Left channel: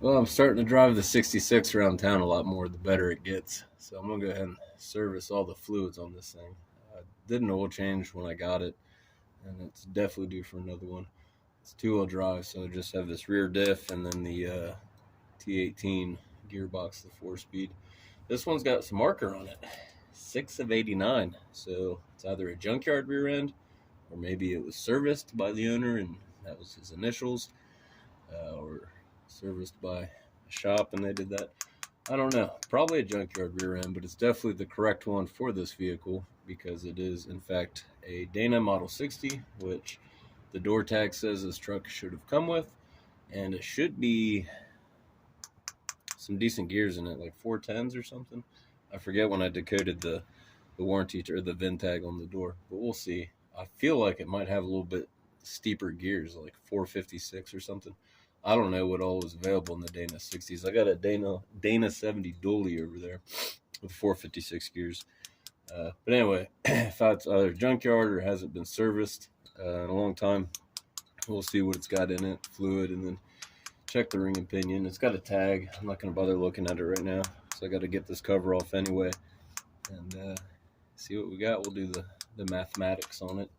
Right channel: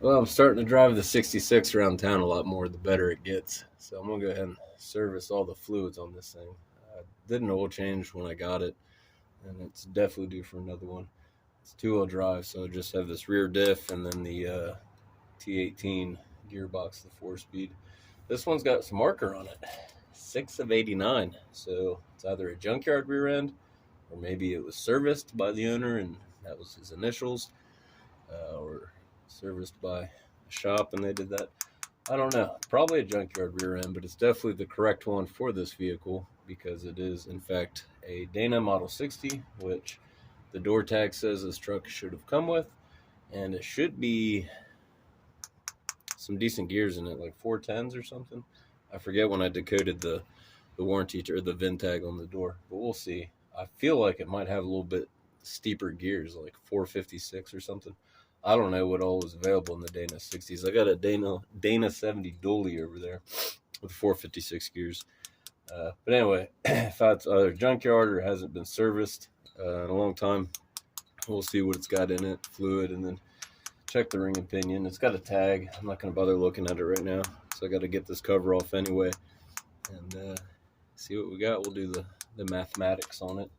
Well, I'm starting to drive the 66 around town a lot more the better it gets. So I'm going to go ahead and service all the fluids on this thing. I did an oil change when I got it, and it's definitely due for another one. It's two-wheel drive, so I just have this rear diff and then the T18 gearbox, the 4-speed. This one's got some marker on it, 6 of 89. So it's either a junkyard rear end, or maybe it was serviced by the owner and that was his initials, or serviced by a shop and they did that. I don't know. Probably a junkyard rear end, but it's definitely the correct one for this vehicle because it is, in fact, a Dana Model 60, which the door tag says this truck should have come with, and it should be some decent gears in it, like 410s or something. I forget when I decoded the warranty or the VIN tag on the door, but we'll see. I feel like it might have a little bit steeper gears, like 456 or something. I don't know what all was available in the Dana 60s. I got a Dana 70 dually over there with 456 gears. But anyway, if it's either junkyard or hasn't been serviced in a long time, we'll see what it's got in it, fluid, and then check the ring and pinion. It's got a tag. I'm not going to bother looking at it right now, so I got to get this cover off anyway and see what we got. We'll do the mathematics on it.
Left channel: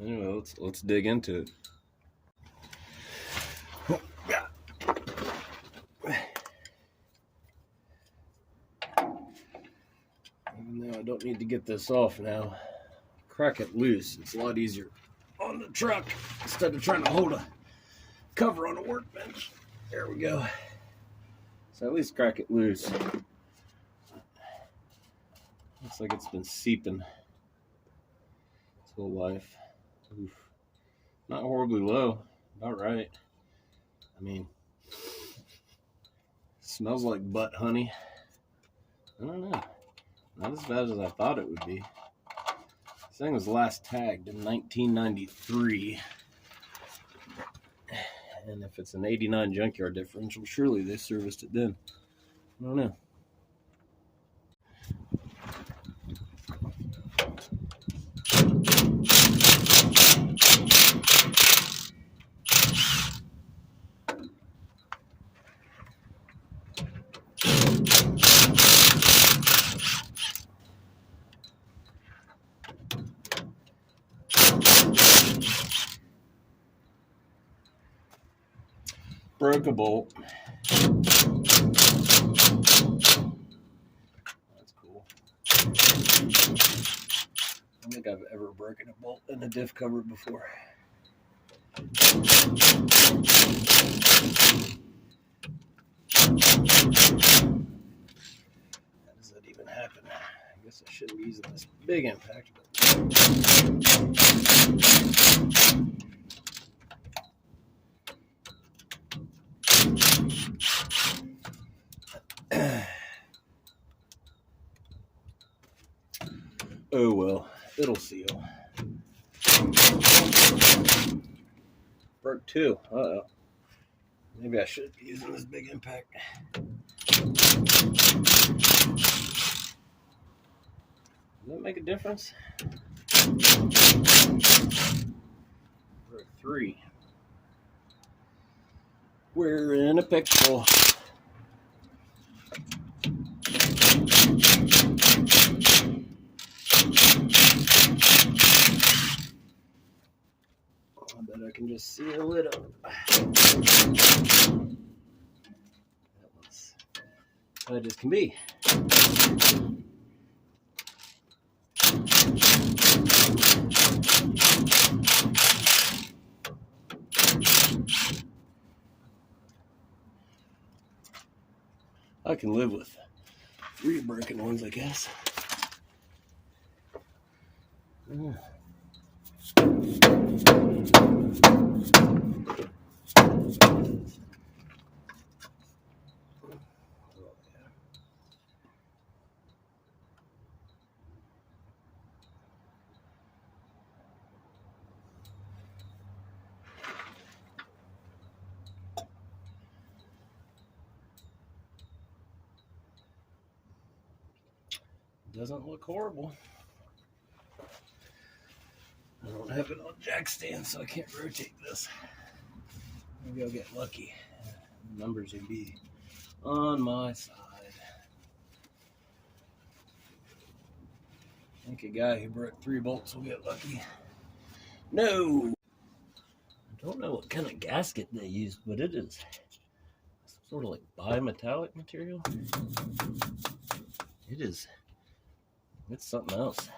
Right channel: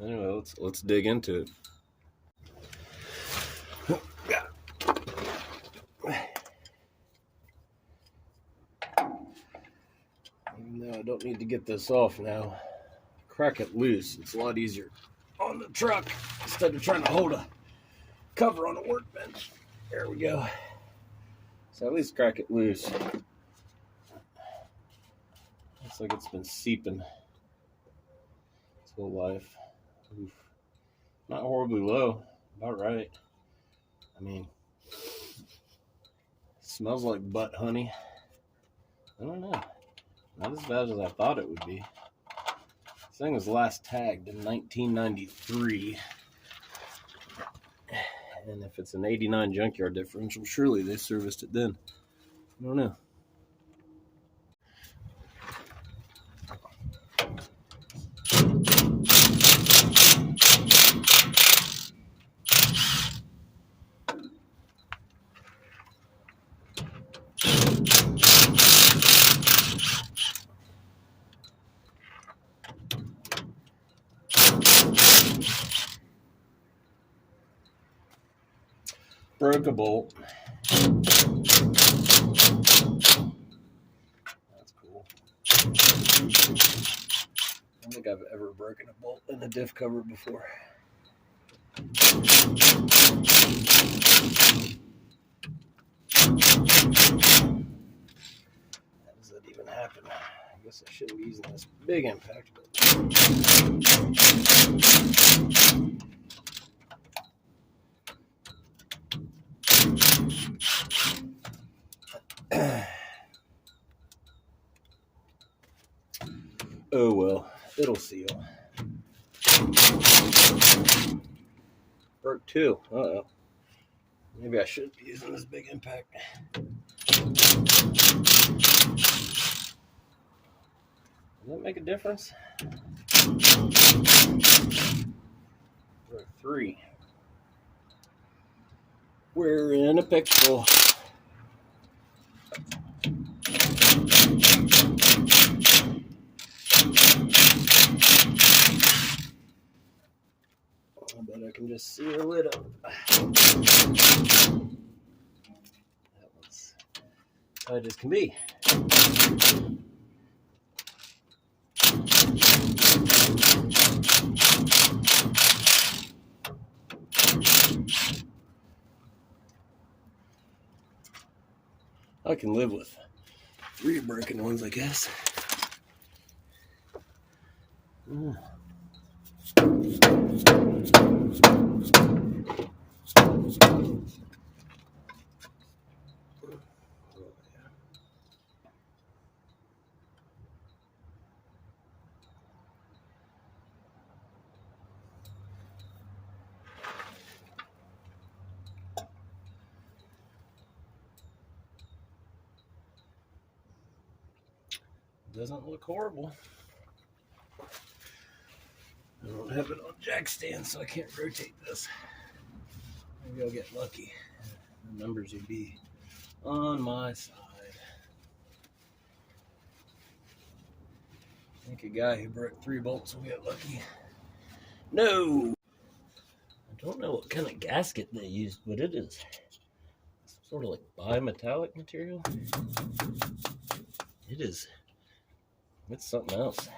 Anyway, let's dig into it. Even though I don't need to get this off now, crack it loose. It's a lot easier on the truck instead of trying to hold a cover on a workbench. There we go. So at least crack it loose. Looks like it's been seeping its whole life. Oof. Not horribly low, about right. I mean, smells like butt honey. I don't know. Not as bad as I thought it would be. This thing was last tagged in 1993. And if it's an 89 junkyard differential, surely they serviced it then. I don't know. Broke a bolt. That's cool. I don't think I've ever broken a bolt in a diff cover before. How does that even happen? I guess I shouldn't be using this big impact, but oh well, it'll seal. Broke two. Uh-oh. Maybe I should be using this big impact. Does that make a difference? Broke three. We're in a pickle. I bet I can just seal it up. That one's tight as can be. I can live with 3 broken ones, I guess. Ooh. Doesn't look horrible. I don't have it on jack stand, so I can't rotate this. Maybe I'll get lucky. The numbers will be on my side. I think a guy who broke 3 bolts will get lucky. No! I don't know what kind of gasket they used, but it is some sort of like bimetallic material. It's something else.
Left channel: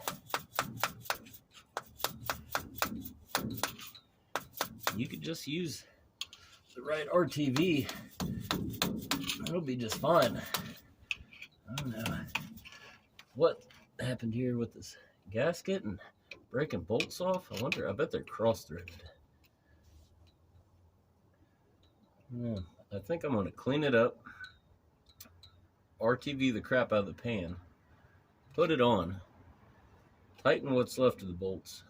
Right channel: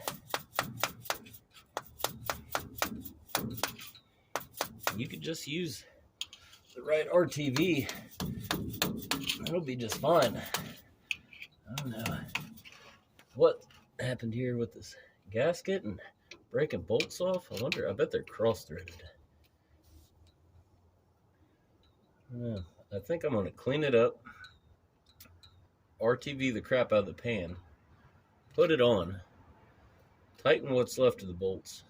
You could just use the right RTV. It'll be just fine. I don't know what happened here with this gasket and breaking bolts off. I bet they're cross-threaded. Yeah, I think I'm going to clean it up, RTV the crap out of the pan, put it on, tighten what's left of the bolts,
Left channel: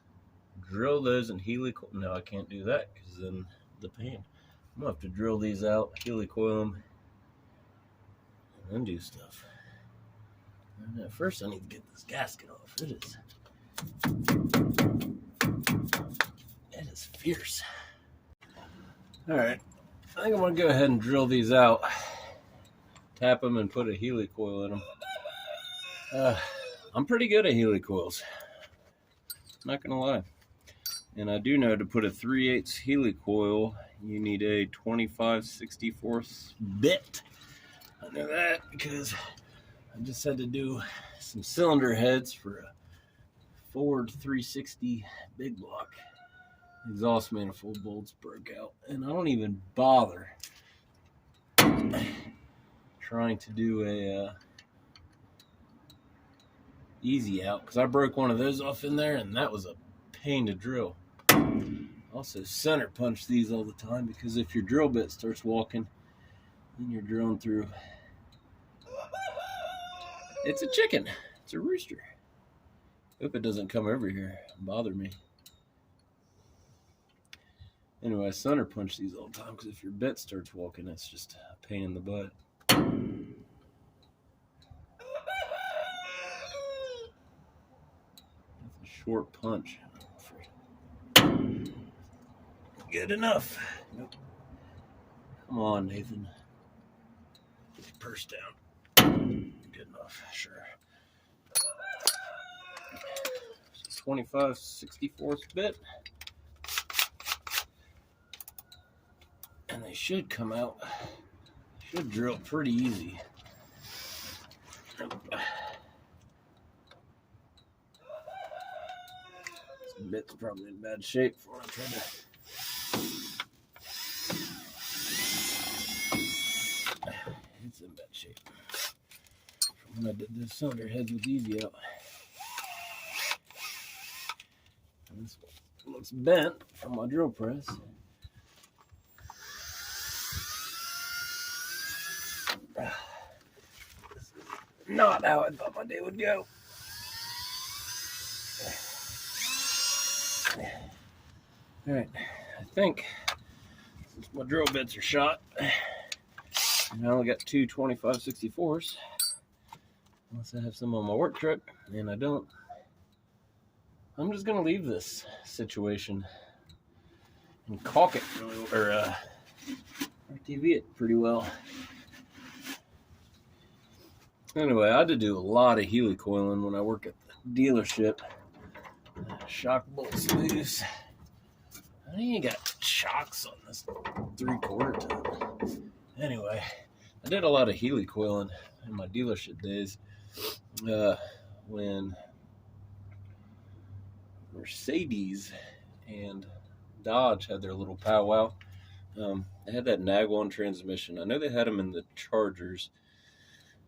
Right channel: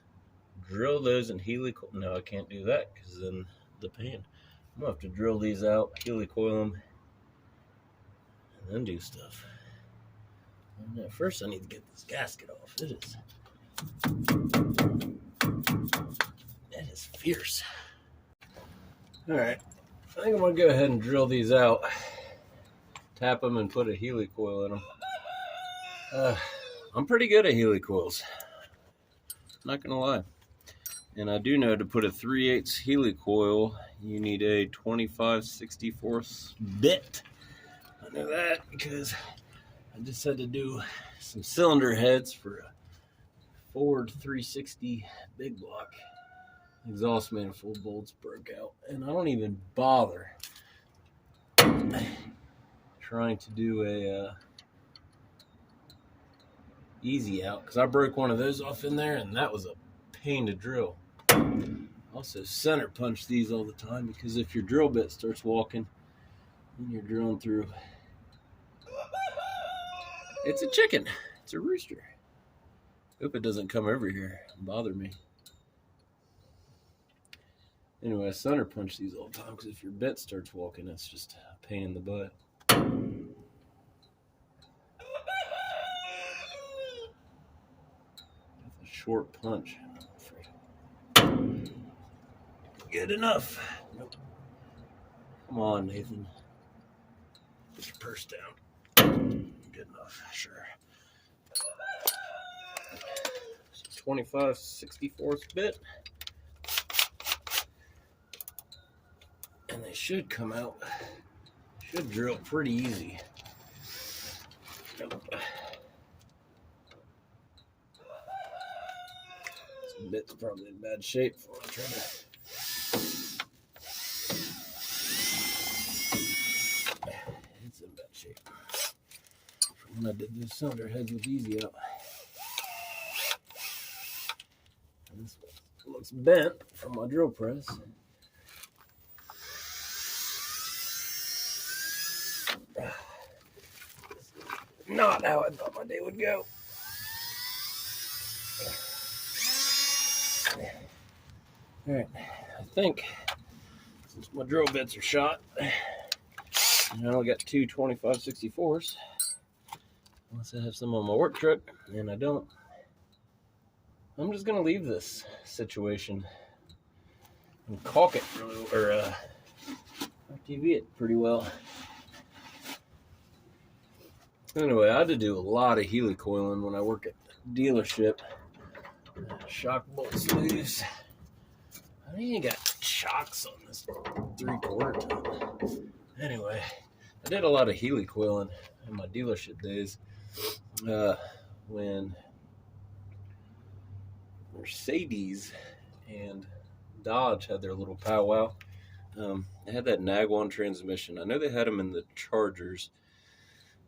drill those in heli-coil. No, I can't do that because then the pan. I'm going to have to drill these out, heli-coil them, and then do stuff. And first I need to get this gasket off. It is fierce. Alright, I think I'm going to go ahead and drill these out, tap them and put a heli-coil in them. I'm pretty good at heli-coils, not going to lie. And I do know to put a 3/8 heli-coil, you need a 25/64 bit. I know that because I just had to do some cylinder heads for a Ford 360 big block. Exhaust manifold bolts broke out, and I don't even bother trying to do a easy out because I broke one of those off in there, and that was a pain to drill. Also center punch these all the time because if your drill bit starts walking and you're drilling through, it's a chicken, it's a rooster. Hope it doesn't come over here and bother me. Anyway, I center punch these all the time because if your bit starts walking, it's just a pain in the butt. That's a short punch. Good enough. Nope. Come on, Nathan. Put your purse down. Good enough, sure. 25/64 bit. And they should come out. Should drill pretty easy. Nope. This bit's probably in bad shape before I try to. It's in bad shape. When I did this cylinder heads with easy out. And this one looks bent from my drill press. This is not how I thought my day would go. Alright, I think since my drill bits are shot, and I only got 2 25/64s, unless I have some on my work truck, and I don't, I'm just going to leave this situation and caulk it really, or RTV it pretty well. Anyway, I had to do a lot of heli-coiling when I work at the dealership. Shock bolts loose. I ain't got shocks on this 3/4 ton. Anyway, I did a lot of heli-coiling in my dealership days when Mercedes and Dodge had their little powwow. They had that Nag-1 transmission. I know they had them in the Chargers.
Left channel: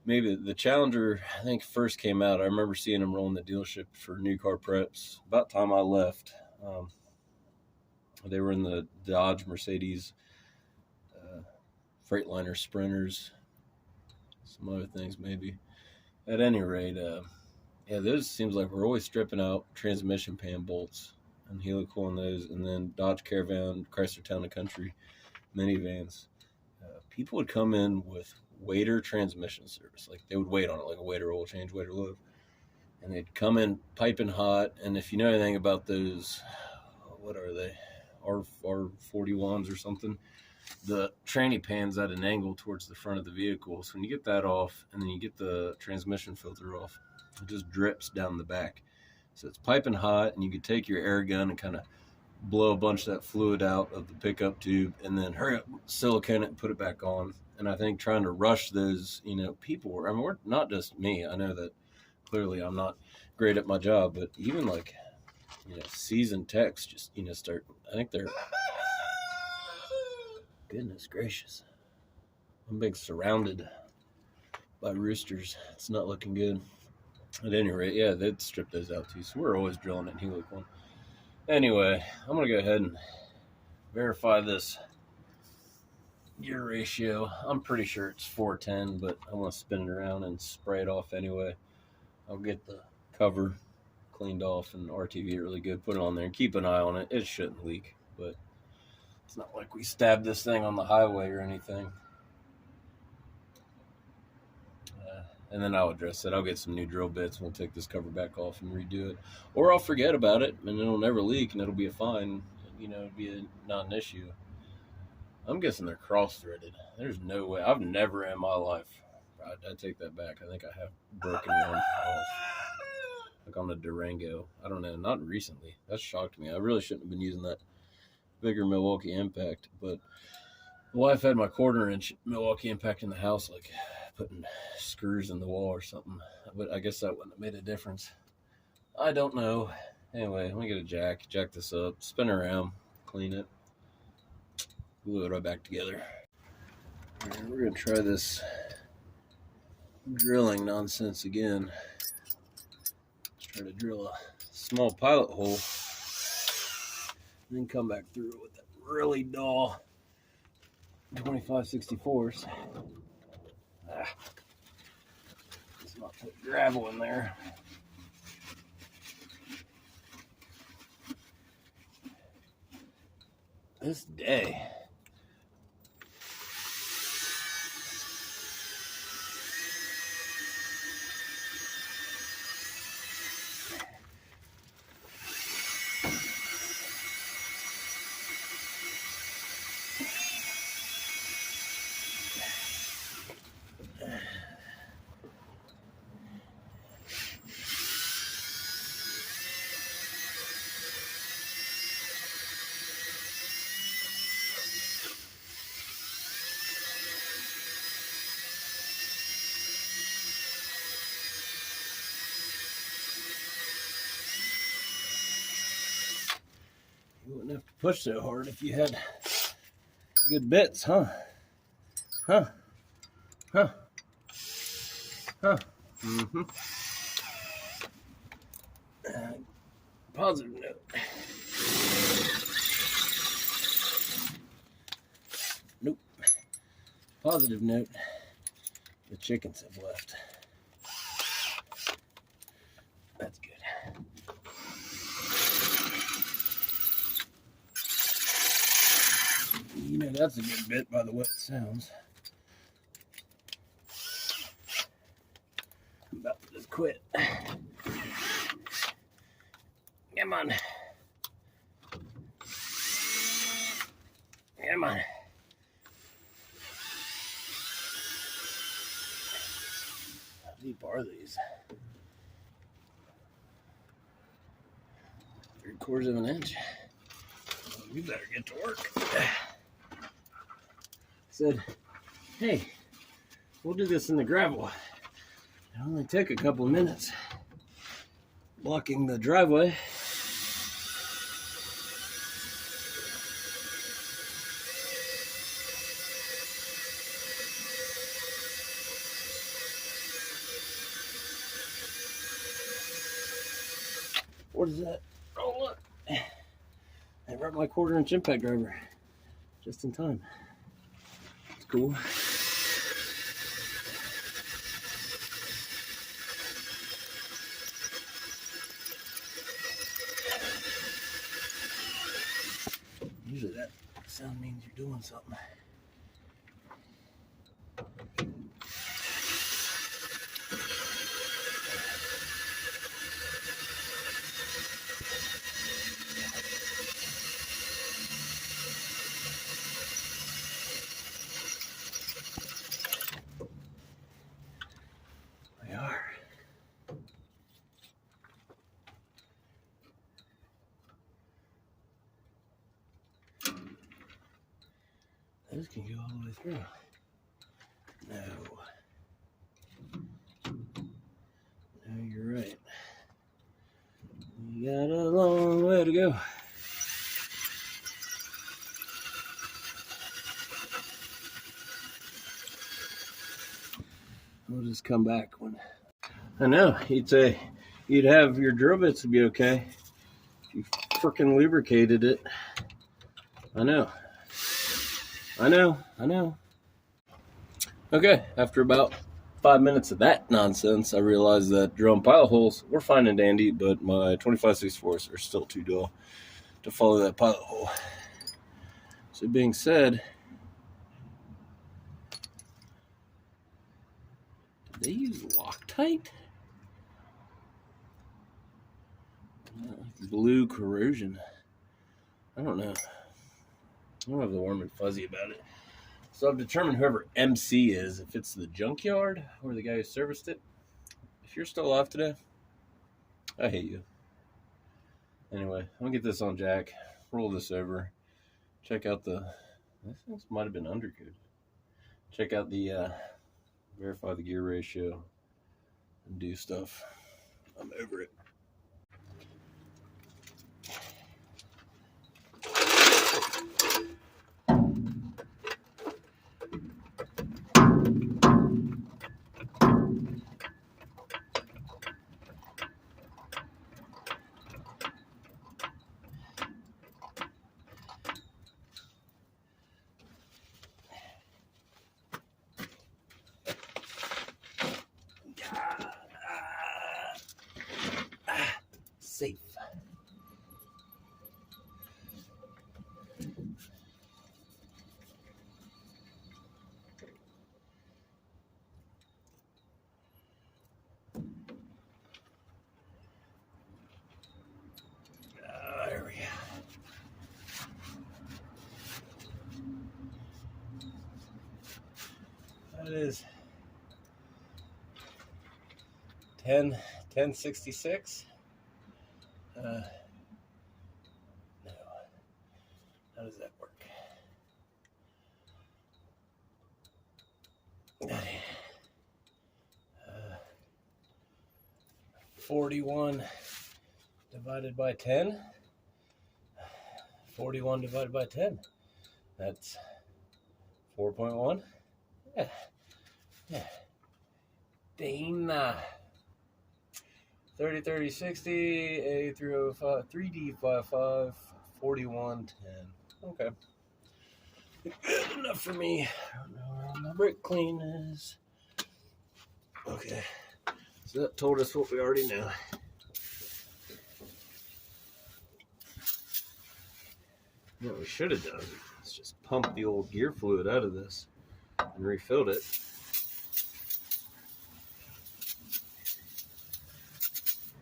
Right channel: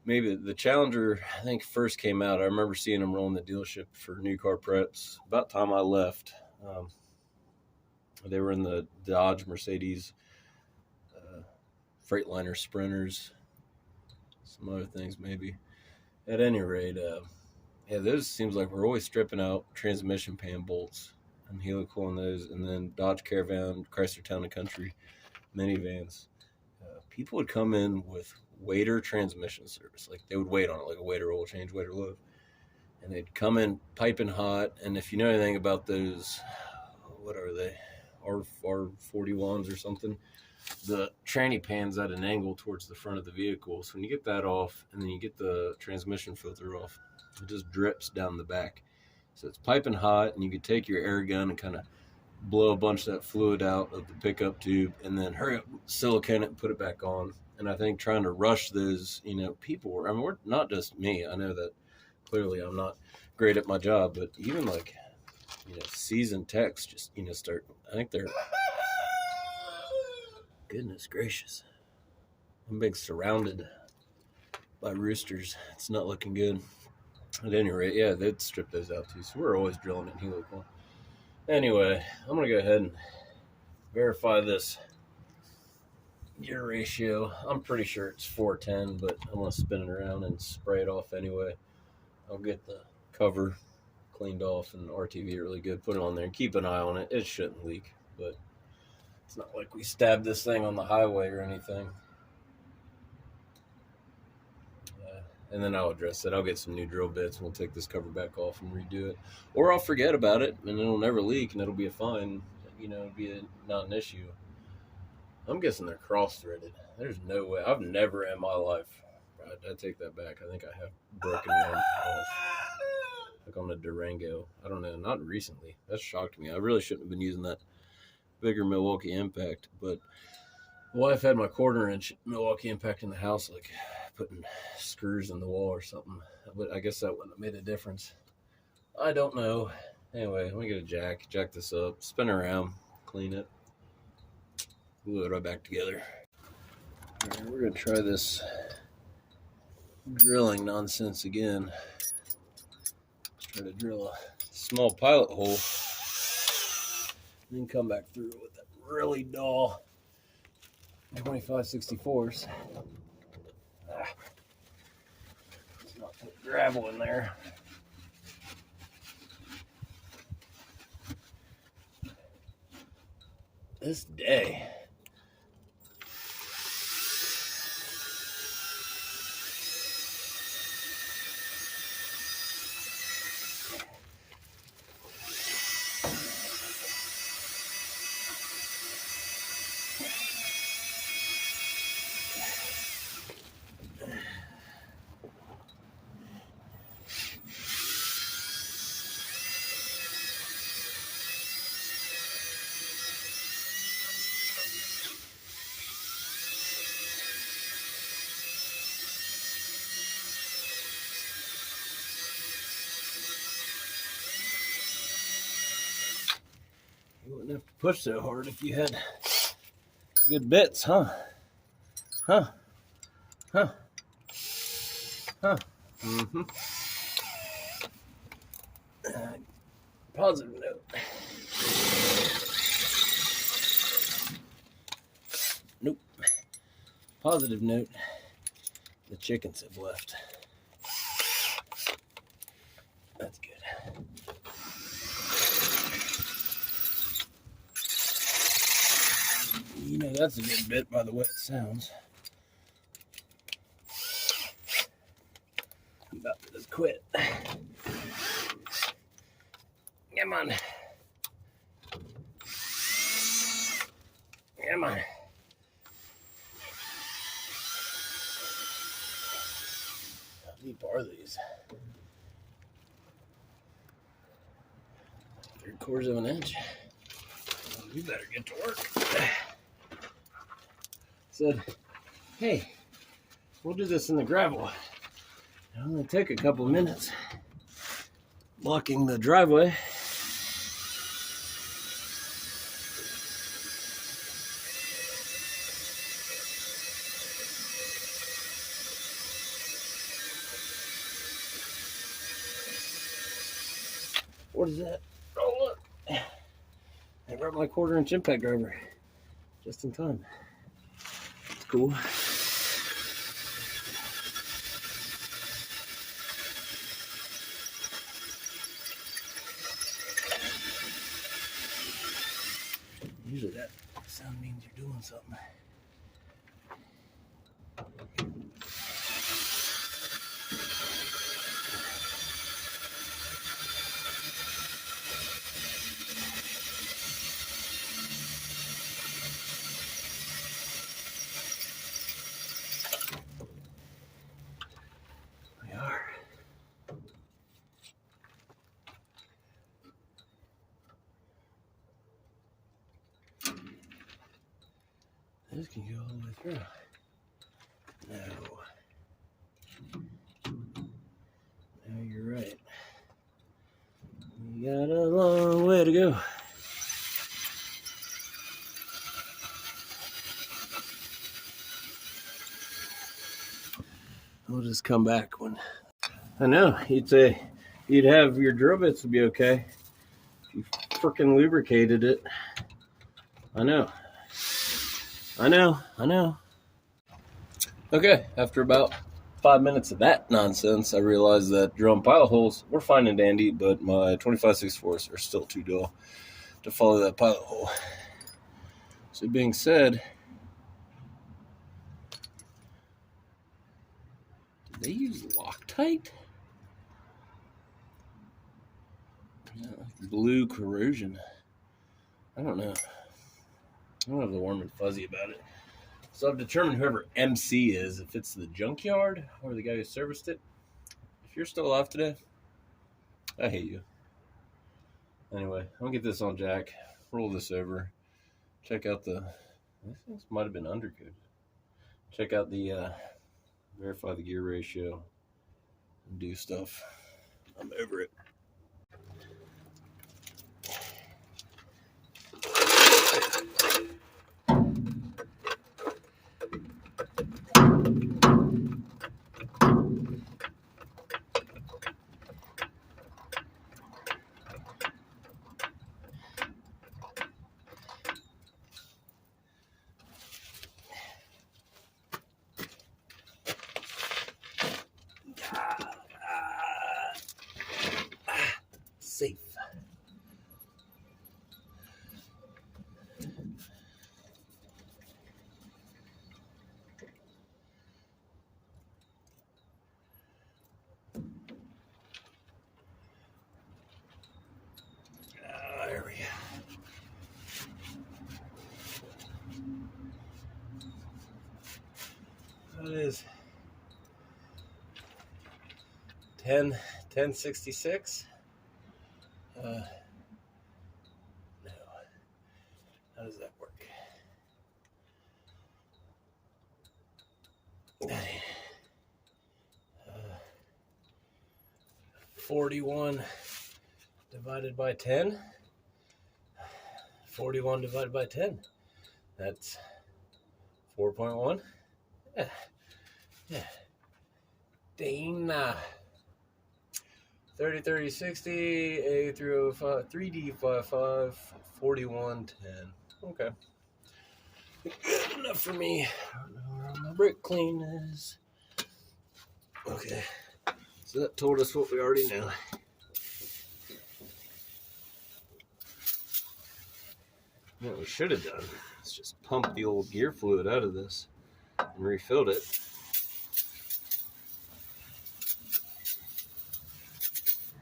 Maybe the Challenger, I think, first came out. I remember seeing them rolling the dealership for new car preps. About the time I left, they were in the Dodge, Mercedes, Freightliner, Sprinters, some other things maybe. At any rate, yeah, those seems like we're always stripping out transmission pan bolts and heli-coiling those, and then Dodge Caravan, Chrysler Town and Country minivans. People would come in with waiter transmission service. Like they would wait on it, like a waiter oil change, waiter love. And they'd come in piping hot. And if you know anything about those, what are they? R41s or something. the tranny pan's at an angle towards the front of the vehicle. So when you get that off and then you get the transmission filter off, it just drips down the back. So it's piping hot, and you could take your air gun and kind of blow a bunch of that fluid out of the pickup tube and then hurry up, silicone it and put it back on. And I think trying to rush those, people, I mean, we're not just me. I know that clearly I'm not great at my job, but even like, seasoned techs just, start, I think they're, goodness gracious, I'm being surrounded by roosters. It's not looking good. At any rate, yeah, they'd strip those out too. So we're always drilling it in heli-coil. Anyway, I'm going to go ahead and verify this gear ratio. I'm pretty sure it's 410, but I want to spin it around and spray it off anyway. I'll get the cover cleaned off and RTV it really good, put it on there, and keep an eye on it. It shouldn't leak, but it's not like we stabbed this thing on the highway or anything. And then I'll address it. I'll get some new drill bits, and we'll take this cover back off and redo it. Or I'll forget about it, and it'll never leak, and it'll be a fine. It'll be not an issue. I'm guessing they're cross-threaded. There's no way. I've never in my life. I take that back. I think I have broken one off. Like on the Durango. I don't know. Not recently. That shocked me. I really shouldn't have been using that bigger Milwaukee Impact. But the wife had my 1/4-inch Milwaukee Impact in the house, like putting screws in the wall or something. But I guess that wouldn't have made a difference. I don't know. Anyway, let me get a jack this up, spin it around, clean it, glue it right back together. All right, we're going to try this drilling nonsense again. Try to drill a small pilot hole, and then come back through with that really dull 25/64s. Let's not put gravel in there. This day. You wouldn't have to push so hard if you had good bits, huh? Huh? Mm-hmm. Positive note. Nope. Positive note. The chickens have left. That's good. That's a good bit by the way it sounds. I'm about to just quit. Come on. Come on. How deep are these? 3/4 of an inch. You better get to work. Said, hey, we'll do this in the gravel. It only took a couple of minutes blocking the driveway. What is that? Oh, look. I brought my 1/4-inch impact driver just in time. It's cool. Usually that sound means you're doing something. This can go all the way through. No, you're right. You got a long way to go. We'll just come back when. I know, you'd say you'd have your drill bits would be okay. You freaking lubricated it. I know. Okay, after about 5 minutes of that nonsense, I realized that drum pilot holes were fine and dandy, but my 25/64s are still too dull to follow that pilot hole. So being said, did they use Loctite? No, blue corrosion. I don't know. I don't have the warm and fuzzy about it. So I've determined whoever MC is, if it's the junkyard or the guy who serviced it, if you're still alive today, I hate you. Anyway, I'm gonna get this on jack, roll this over, check out this might have been undercoated. Check out the, verify the gear ratio, and do stuff. I'm over it. Safe. There we go. That is 1066. No. How does that work? 41 divided by 10. 41 divided by 10. That's 4.1. Yeah. Dana. 30, 30, 60, A through 05, 3D 55, 41, 10. Okay. Good enough for me. I don't know where my brake clean is. Okay. So that told us what we already knew. What we should have done is just pump the old gear fluid out of this and refilled it.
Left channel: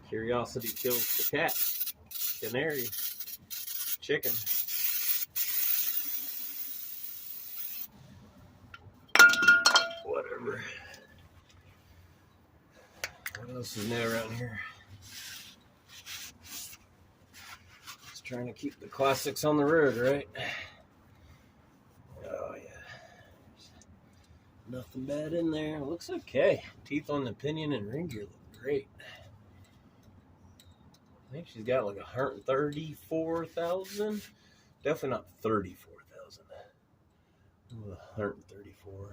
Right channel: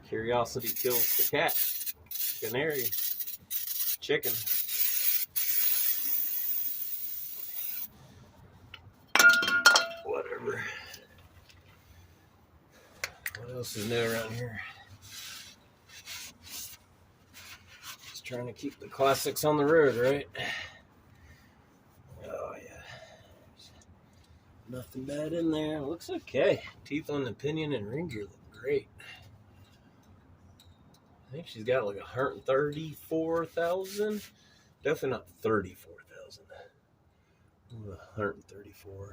Curiosity kills the cat. Canary. Chicken. Whatever. What else is new around here? Just trying to keep the classics on the road, right? Oh, yeah. Nothing bad in there. Looks okay. Teeth on the pinion and ring gear look great. I think she's got like 134,000. Definitely not 34,000. 134.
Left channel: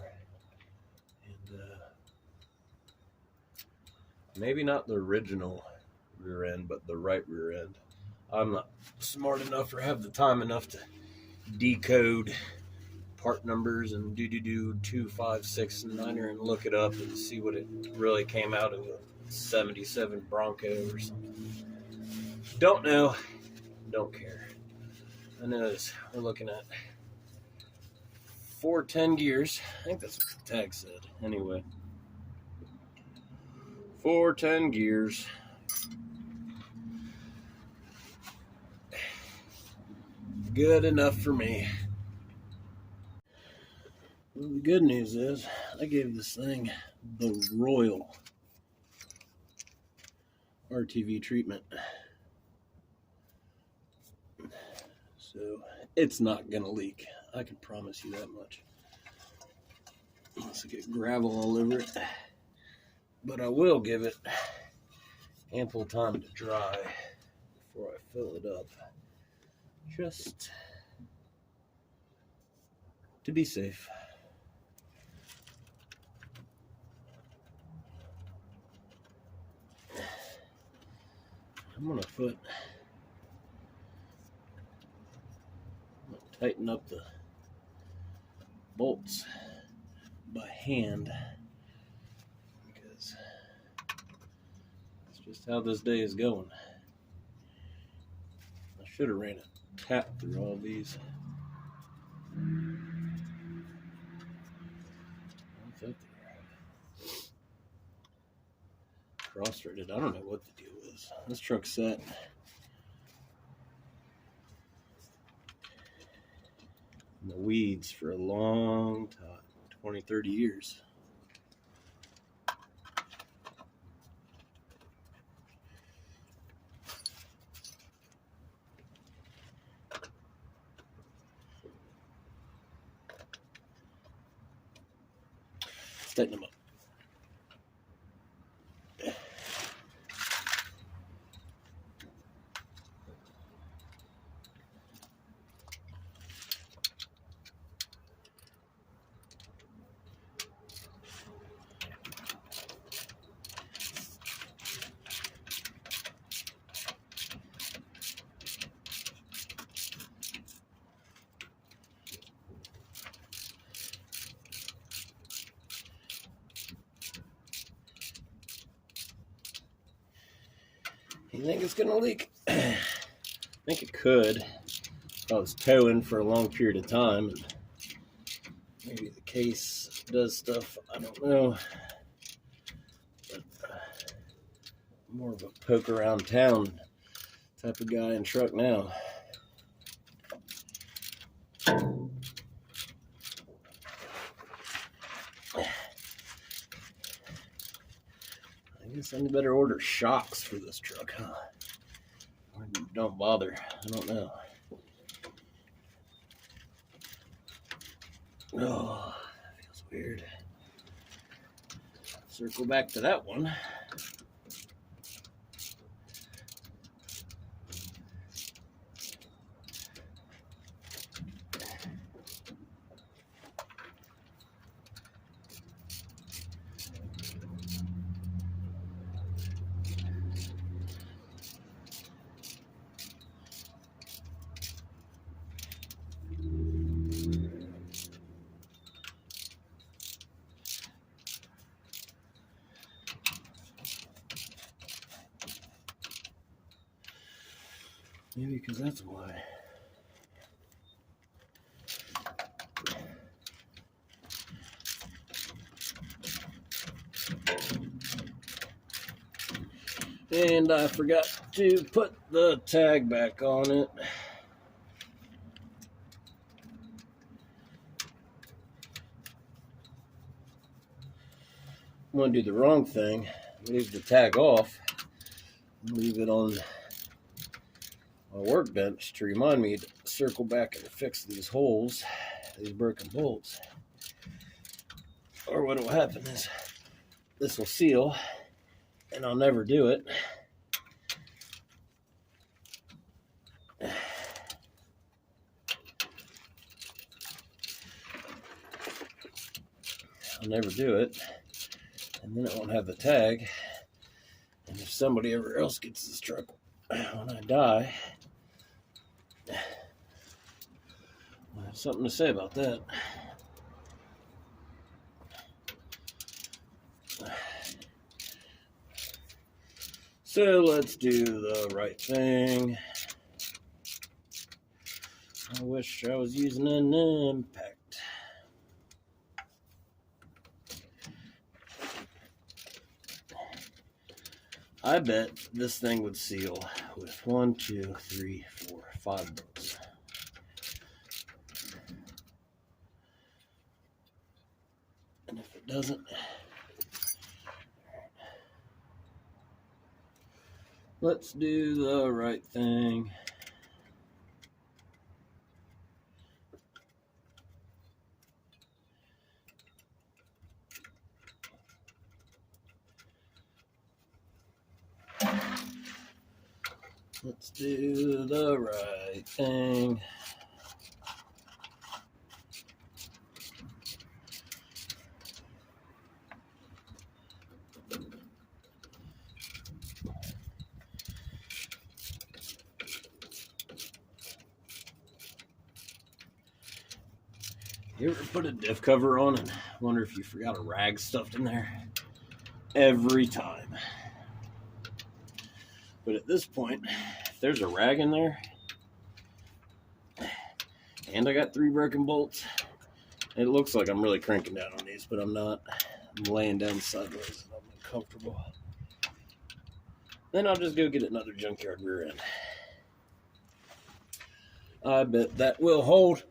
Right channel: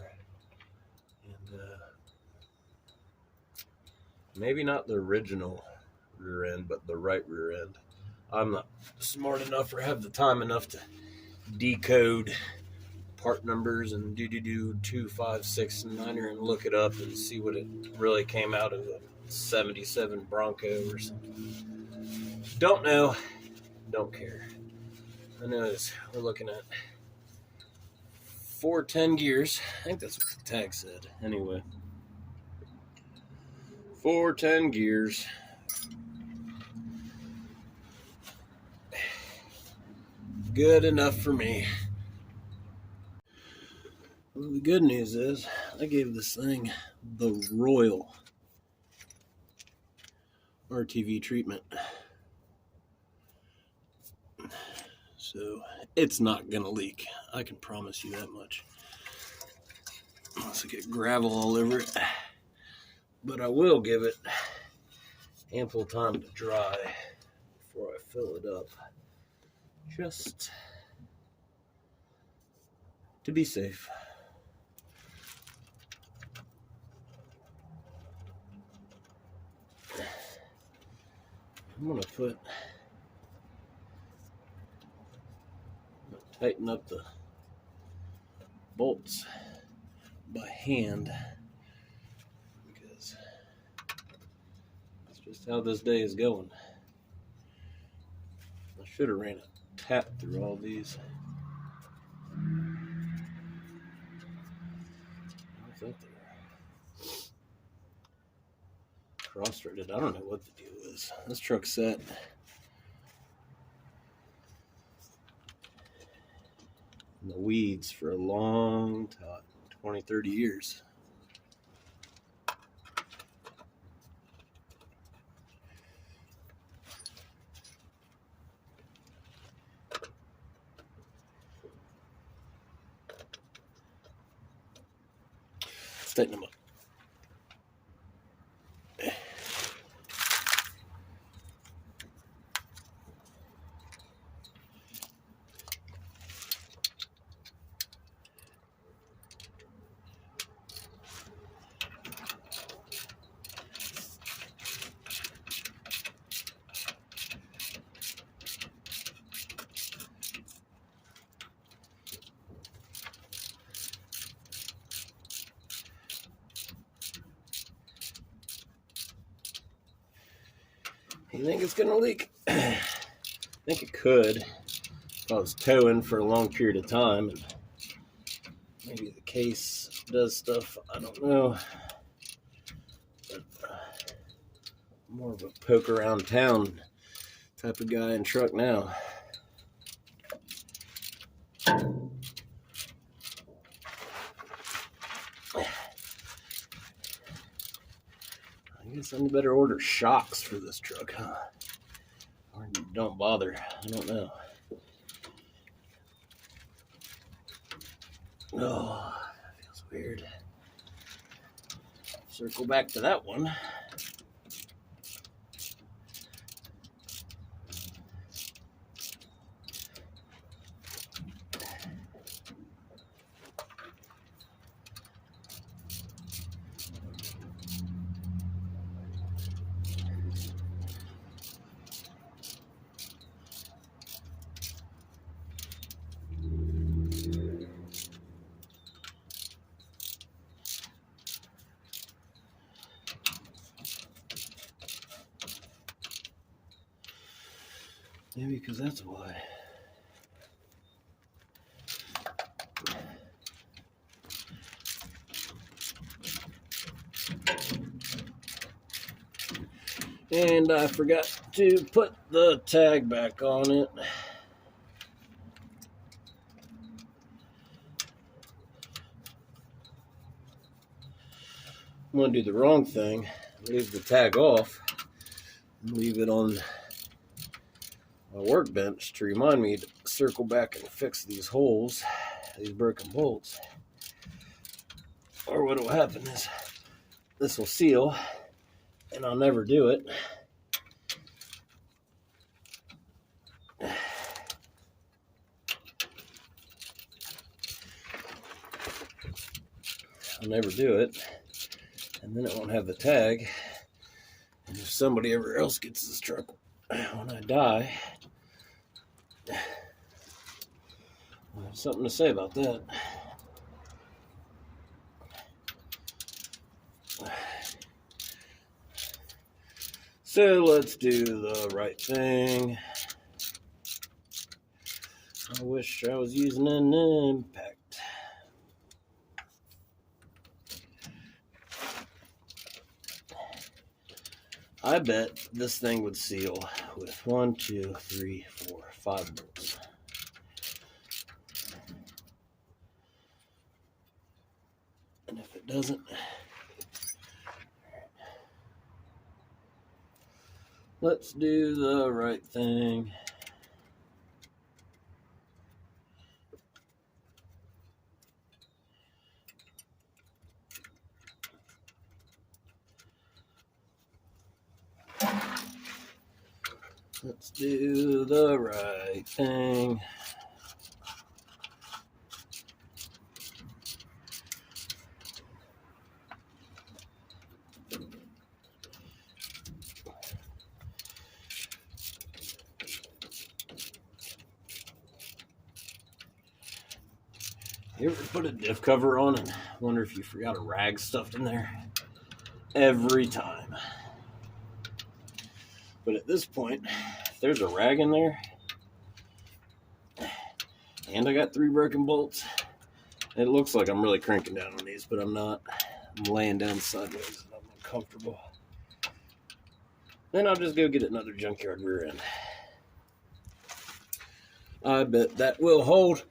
And maybe not the original rear end, but the right rear end. I'm not smart enough or have the time enough to decode part numbers and do 2, 5, 6, 9er and look it up and see what it really came out of a 77 Bronco or something. Don't know, don't care. I know this. We're looking at 410 gears. I think that's what the tag said. Anyway, 410 gears. Good enough for me. Well, the good news is I gave this thing the royal RTV treatment. So it's not gonna leak. I can promise you that much. Unless I get gravel all over it. But I will give it ample time to dry before I fill it up. Just to be safe. I'm gonna tighten up the bolts by hand because that's just how this day is going. I should have ran a tap through all these. I don't think they're cross-threaded. I don't know what the deal is. This truck's set in the weeds for a long time, 20, 30 years. Let's tighten them up. You think it's gonna leak? I think it could if I was towing for a long period of time. And maybe the case does stuff, I don't know. But, more of a poke around town type of guy and truck now. I guess I better order shocks for this truck, huh? Or don't bother. I don't know. Oh, that feels weird. Circle back to that one. Maybe because that's why. And I forgot to put the tag back on it. I'm going to do the wrong thing. Leave the tag off. Leave it on my workbench to remind me to circle back and fix these holes, these broken bolts. Or what will happen is this will seal and I'll never do it. I'll never do it, and then it won't have the tag. And if somebody ever else gets this truck when I die, I'll have something to say about that. So let's do the right thing. I wish I was using an impact. I bet this thing would seal with 1, 2, 3, 4, 5 bolts. And if it doesn't, let's do the right thing. Let's do the right thing. You ever put a diff cover on and wonder if you forgot a rag stuffed in there? Every time. But at this point, if there's a rag in there, and I got 3 broken bolts, it looks like I'm really cranking down on these, but I'm not. I'm laying down sideways and I'm uncomfortable. Then I'll just go get another junkyard rear end. I bet that will hold.